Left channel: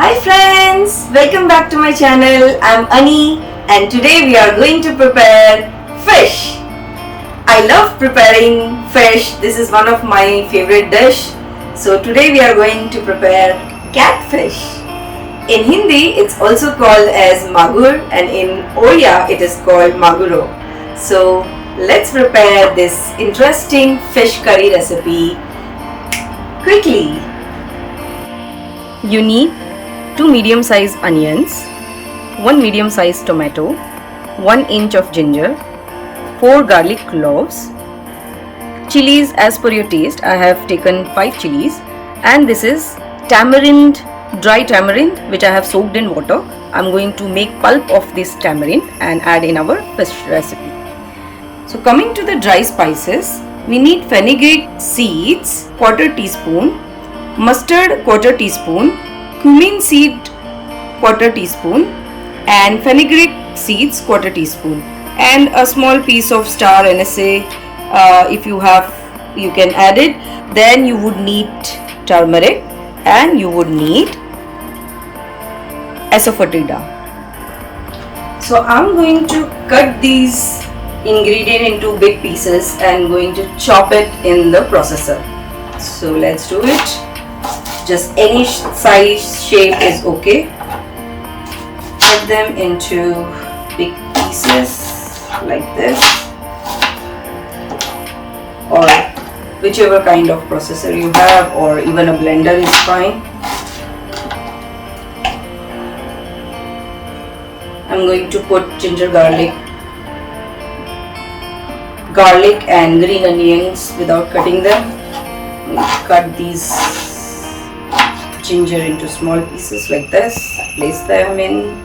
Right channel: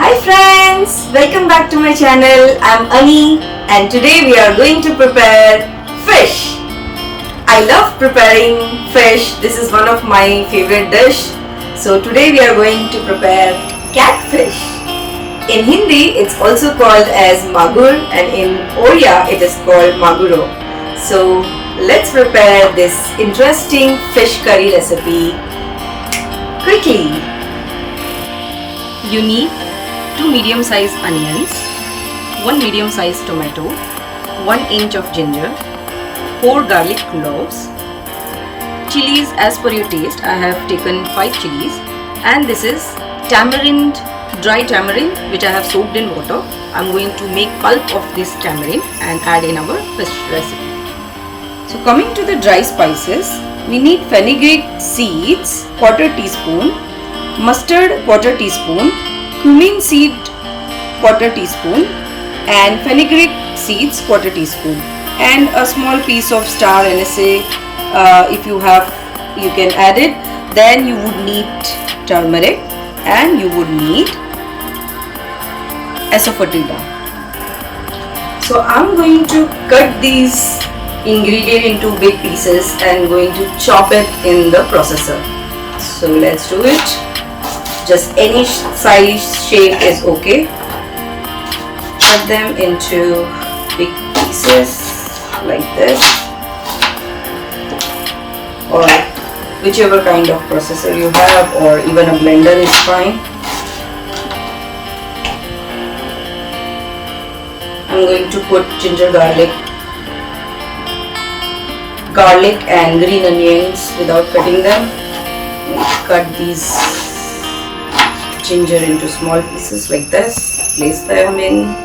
Hi friends, welcome back to my channel. I'm Ani and today we are going to prepare fish. I love preparing fish. This is one of my favorite dish. So today we are going to prepare catfish. In Hindi it's also called as Magur and in Oriya it is called Maguro. So let's prepare this interesting fish curry recipe quickly. You need 2 medium-sized onions, 1 medium-sized tomato, 1 inch of ginger, 4 garlic cloves, chilies as per your taste. I have taken 5 chilies, and this is tamarind, dry tamarind which I have soaked in water. I'm going to make pulp of this tamarind and add in our fish recipe. So coming to the dry spices, we need fenugreek seeds, quarter teaspoon, mustard quarter teaspoon, cumin seed quarter teaspoon and fenugreek seeds quarter teaspoon, and a small piece of star anise. If you have, you can add it. Then you would need turmeric and you would need asafetida. So I'm going to cut these ingredients into big pieces and going to chop it in the processor. So let's do it. Just any size shape is okay. Cut them into big pieces like this, or whichever kind of processor you have, or even a blender is fine. I'm going to put ginger, garlic and green onions without cutting them. Cut these ginger into small pieces like this. Place them in.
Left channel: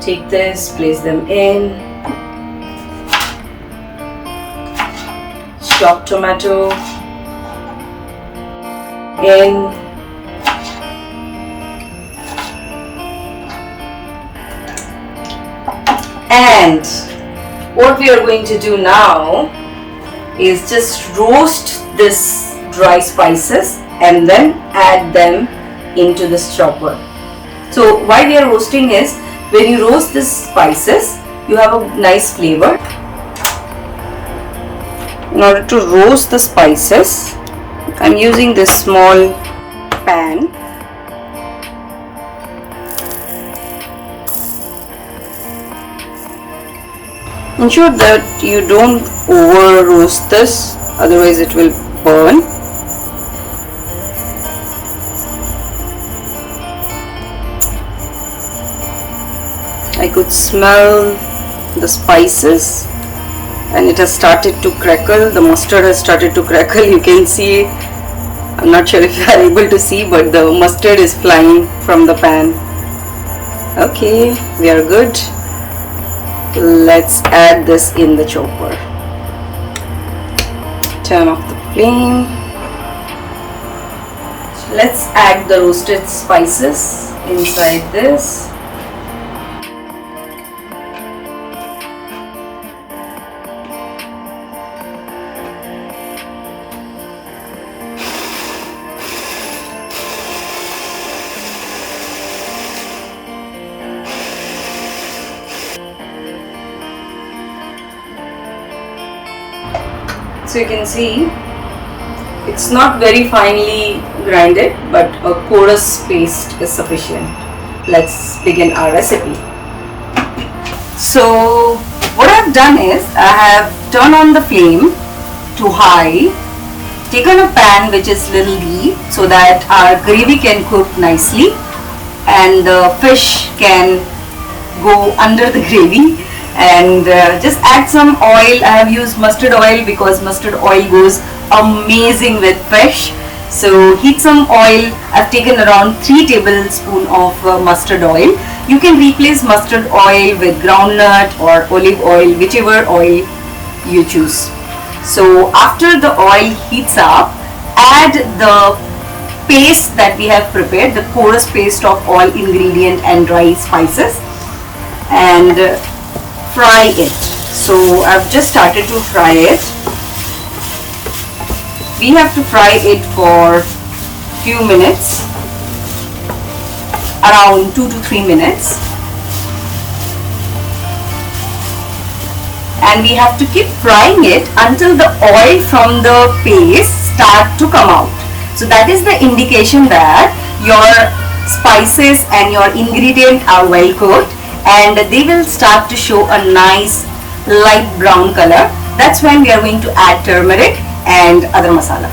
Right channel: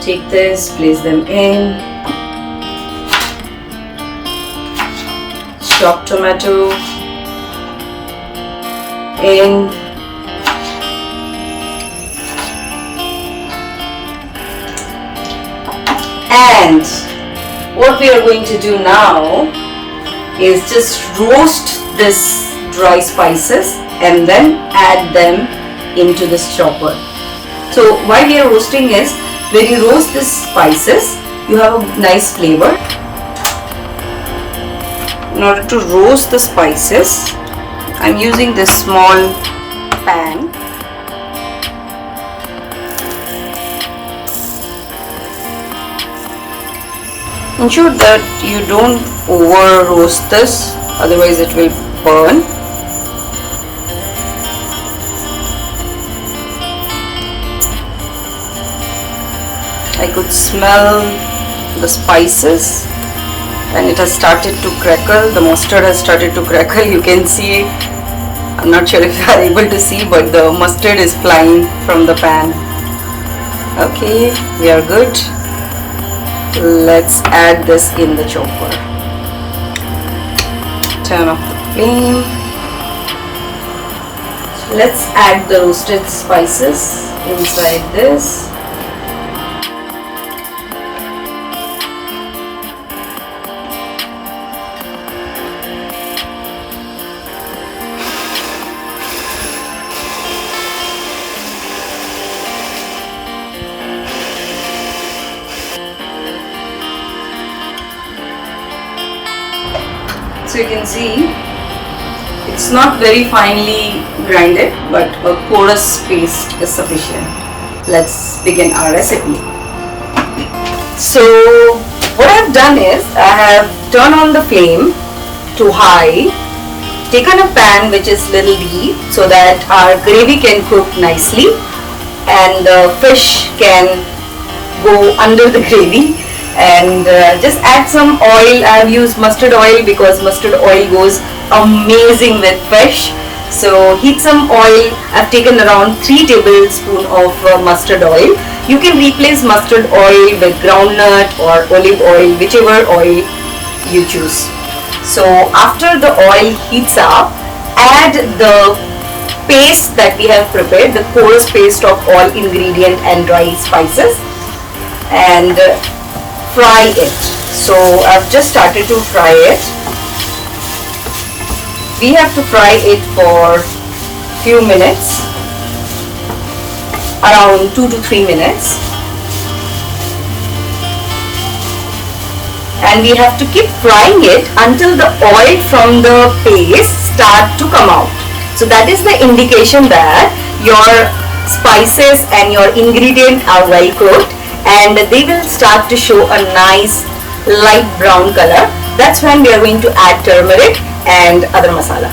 Take this, place them in. Chopped tomato in. And what we are going to do now is just roast this dry spices and then add them into this chopper. So why we are roasting is, when you roast these spices you have a nice flavor. In order to roast the spices, I'm using this small pan. Ensure that you don't over roast this, otherwise it will burn. I could smell the spices and it has started to crackle. The mustard has started to crackle. You can see, I'm not sure if you are able to see, but the mustard is flying from the pan. Okay, we are good. Let's add this in the chopper. Turn off the flame. Let's add the roasted spices inside this. So you can see it's not very finely grinded, but a porous paste is sufficient. Let's begin our recipe. So what I've done is, I have turned on the flame to high, taken a pan which is little deep so that our gravy can cook nicely and the fish can go under the gravy. And just add some oil. I have used mustard oil because mustard oil goes amazing with fish. So heat some oil. I've taken around 3 tablespoons of mustard oil. You can replace mustard oil with groundnut or olive oil, whichever oil you choose. So after the oil heats up, add the paste that we have prepared, the porous paste of all ingredient and dry spices, and fry it. So I've just started to fry it. We have to fry it for few minutes, around 2 to 3 minutes, and we have to keep frying it until the oil from the paste start to come out. So that is the indication that your spices and your ingredients are well cooked and they will start to show a nice light brown color. That's when we are going to add turmeric and other masala.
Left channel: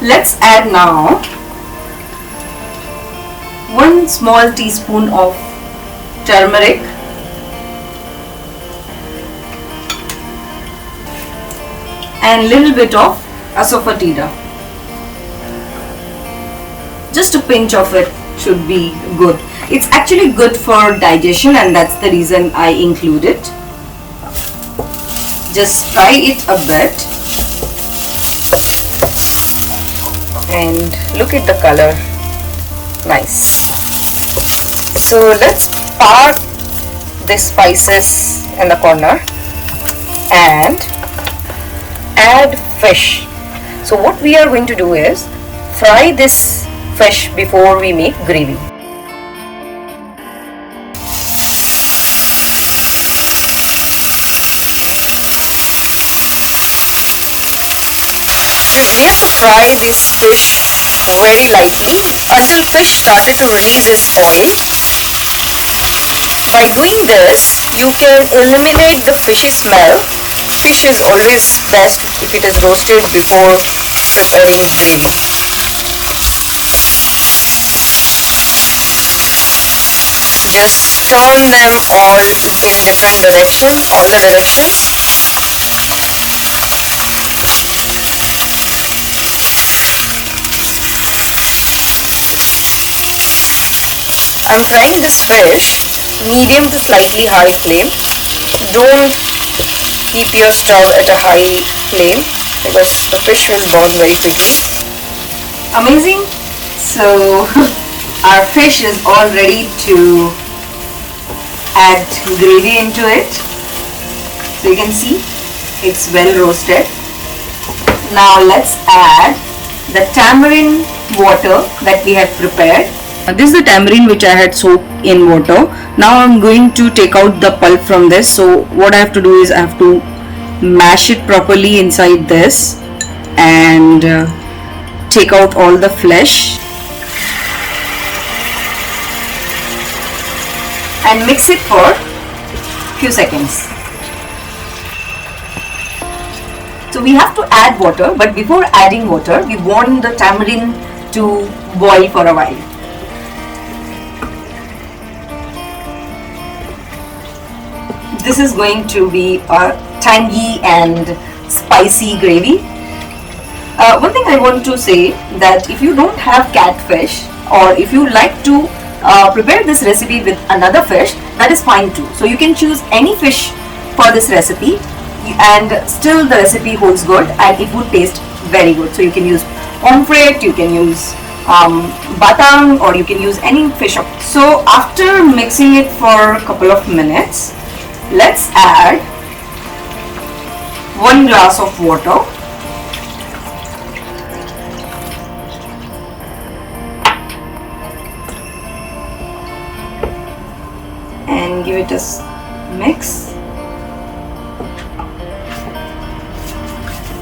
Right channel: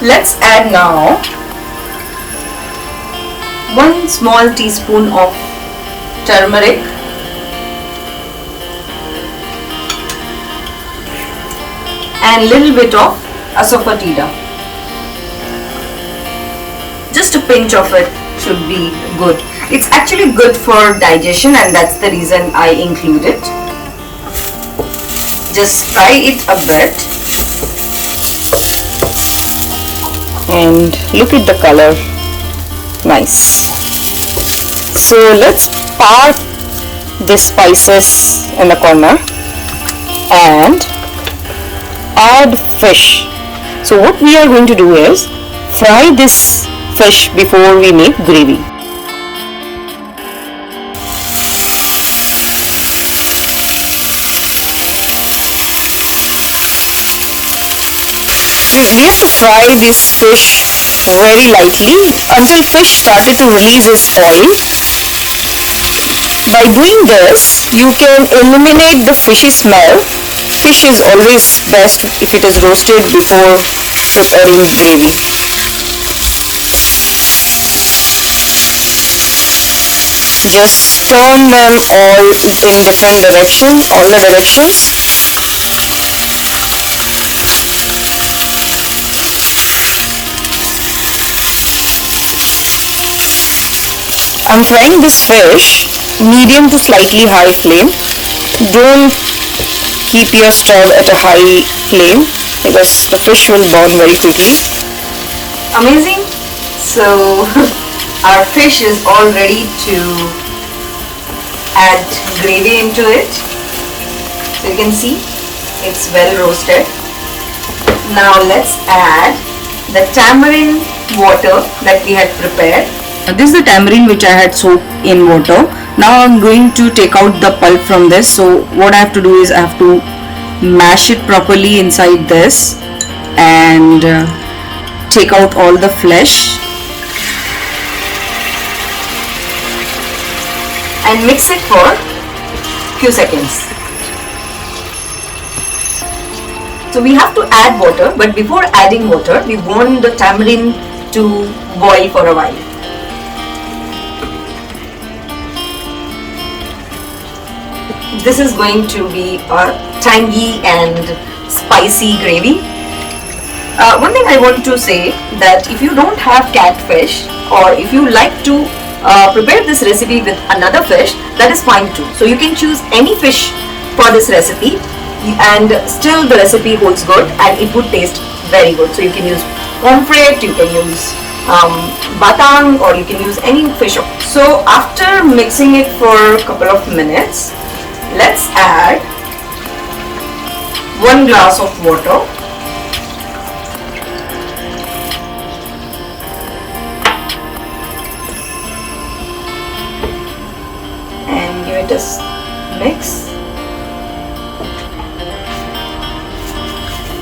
Let's add now 1 small teaspoon of turmeric, and little bit of asafetida. Just a pinch of it should be good. It's actually good for digestion and that's the reason I include it. Just fry it a bit. And look at the color, nice. So let's park the spices in the corner and add fish. So what we are going to do is fry this fish before we make gravy. We have to fry this fish very lightly until fish started to release its oil. By doing this, you can eliminate the fishy smell. Fish is always best if it is roasted before preparing gravy. Just turn them all in different directions, all the directions. I'm frying this fish medium to slightly high flame. Don't keep your stove at a high flame because the fish will burn very quickly. Amazing! So our fish is all ready to add gravy into it. So you can see it's well roasted. Now let's add the tamarind water that we had prepared. This is the tamarind which I had soaked in water. Now I'm going to take out the pulp from this. So what I have to do is I have to mash it properly inside this and take out all the flesh and mix it for a few seconds. So we have to add water, but before adding water we want the tamarind to boil for a while. This is going to be a tangy and spicy gravy. One thing I want to say that if you don't have catfish or if you like to prepare this recipe with another fish, that is fine too. So you can choose any fish for this recipe and still the recipe holds good and it would taste very good. So you can use pomfret, you can use batang, or you can use any fish. So after mixing it for a couple of minutes, let's add 1 glass of water. And give it a mix.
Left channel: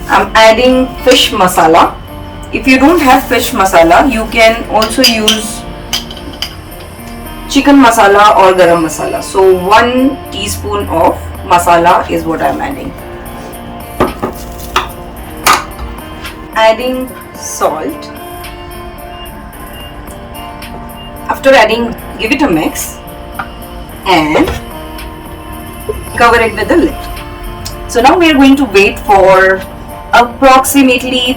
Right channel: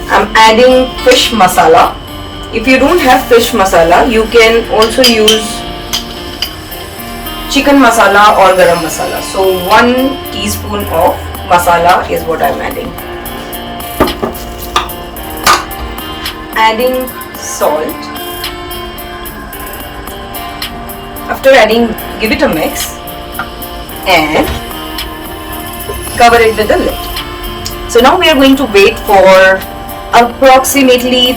I'm adding fish masala. If you don't have fish masala, you can also use chicken masala or garam masala. So 1 teaspoon of masala is what I'm adding. Adding salt. After adding, give it a mix and cover it with a lid. So now we are going to wait for approximately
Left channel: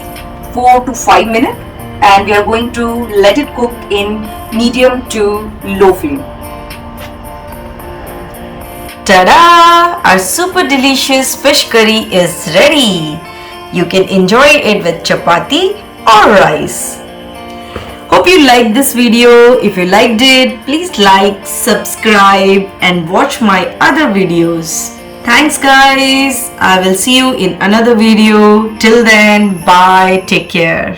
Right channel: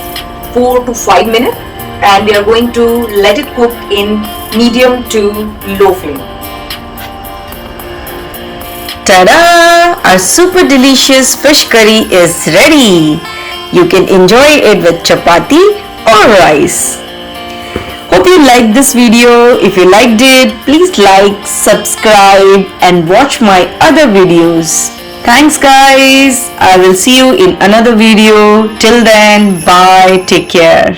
4 to 5 minutes and we are going to let it cook in medium to low flame. Ta-da! Our super delicious fish curry is ready. You can enjoy it with chapati or rice. Hope you liked this video. If you liked it, please like, subscribe and watch my other videos. Thanks guys. I will see you in another video. Till then, bye. Take care.